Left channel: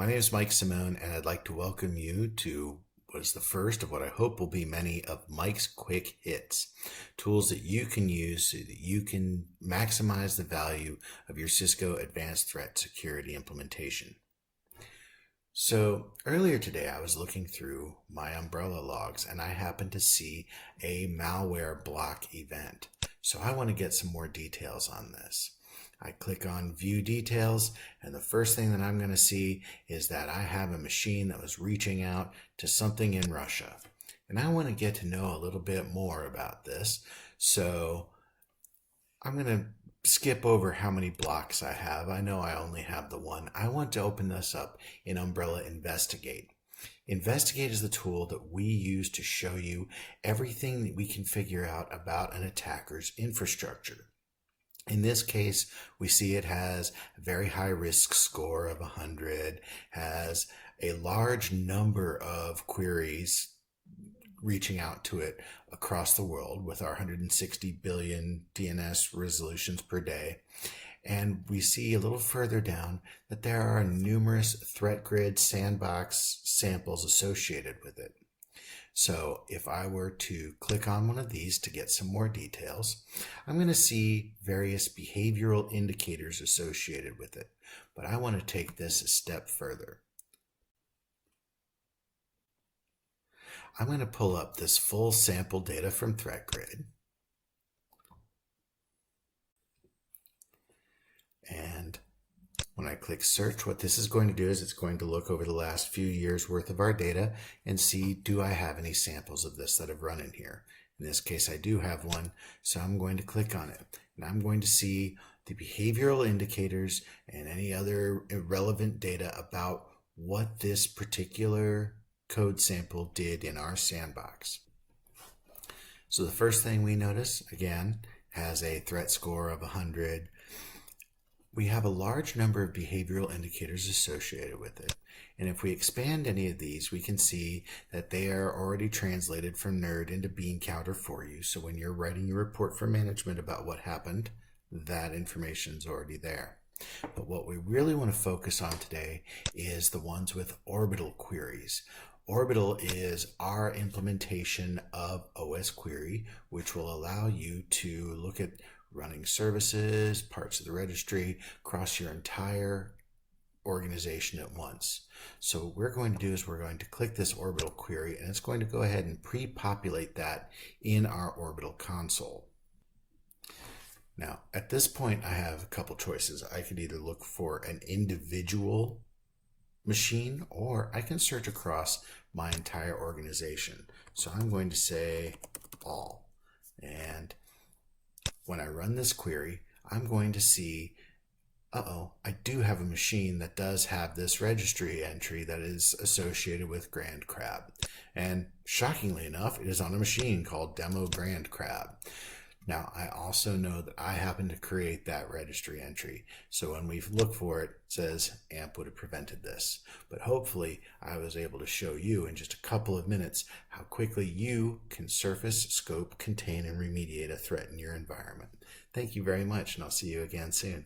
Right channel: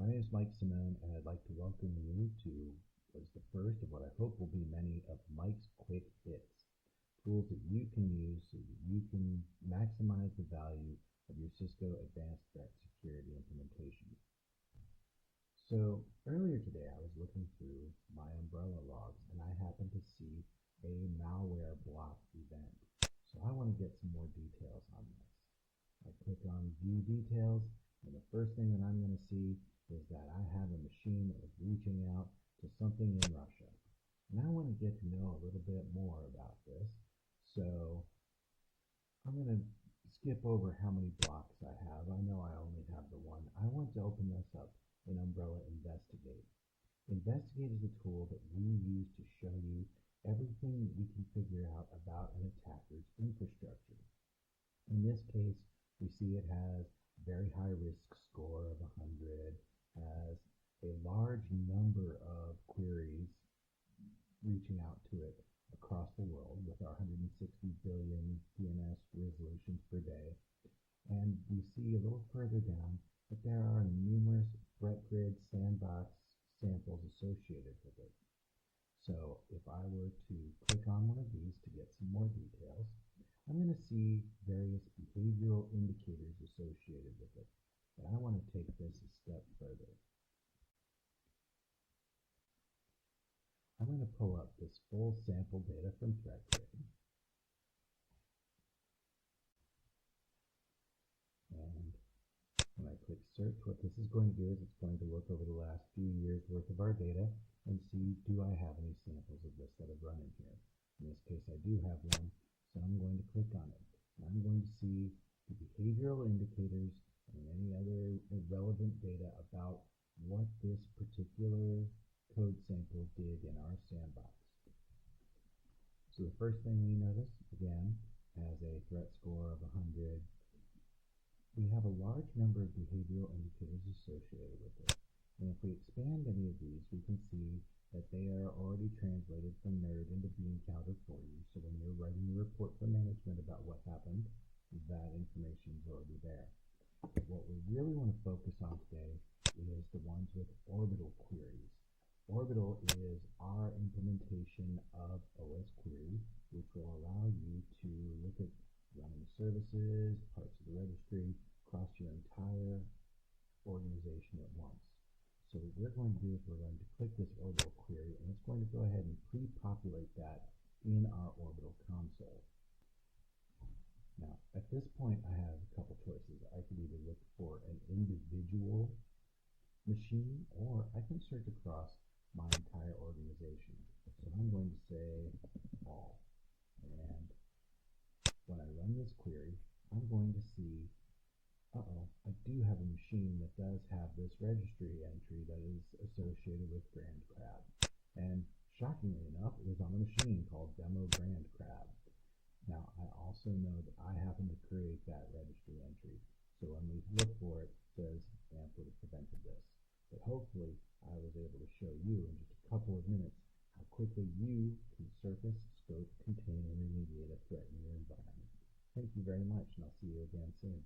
My name is Mike Simone, and I'd like to welcome you to what is the first of what I hope will be many of Mike's quick hits, tools that you can use so that you can maximize the value of your Cisco Advanced Threat Security implementation. So earlier today, I was looking through my Umbrella logs and I happened to see a malware block event. So I want to get some more details on this. I click on View Details, and the first thing that I'm going to see is that I have a machine that was reaching out to something in Russia. And I want to get to know a little bit more about this. So I'm going to skip over how many blocks I have. I know I only have the one. I want to open this up in Umbrella Investigate. Investigate is the tool that we use to show you everything that we can figure out about an attacker's infrastructure. In this case, we see it has a very high risk score of 100, has a large number of queries reaching out to it across the world with our 160 billion DNS resolutions per day. And we see a little further down that there are numerous threat grid sandbox samples associated with it. So if I were to click on one of these to get some more details, I'm going to see various behavioral indicators associated with it. But I want to take this a step further. I'm going to pull up this full sample data from ThreatGrid. And when I click search, what this is going to do is it's going to look over the last few years worth of our data and see, do I have any samples of this that have run in here? In this case, I do have one, so I'm going to click on it. And I'm going to see the behavioral indicators and any other irrelevant data about what this particular code sample did in our sandbox. So the first thing we notice, again, has a threat score of 100. We have a large number of behavioral indicators associated with it. And if we expand any of these, we can see that they are already translated from NERD into bean counter for you. So when you're writing your report for management about what happened, that information is already there. But what we really want to focus on today is the ones with Orbital queries. Orbital is our implementation of OS Query, which will allow you to look at running services, parts of the registry, across your entire organization at once. So what we're going to do is we're going to click this Orbital query, and it's going to go ahead and pre-populate that in our Orbital console. Now, at this point, I have a couple choices. I could either look for an individual machine, or I can search across my entire organization. So I'm going to say all. And when I run this query, I'm going to see, I do have a machine that does have this registry entry that is associated with Grand Crab. And shockingly enough, it is on a machine called Demo Grand Crab. Now, I also know that I happen to create that registry entry. So when we look for it, it says AMP would have prevented this. But hopefully, I was able to show you in just a couple of minutes how quickly you can surface, scope, contain, and remediate a threat in your environment. Thank you very much, and I'll see you again soon.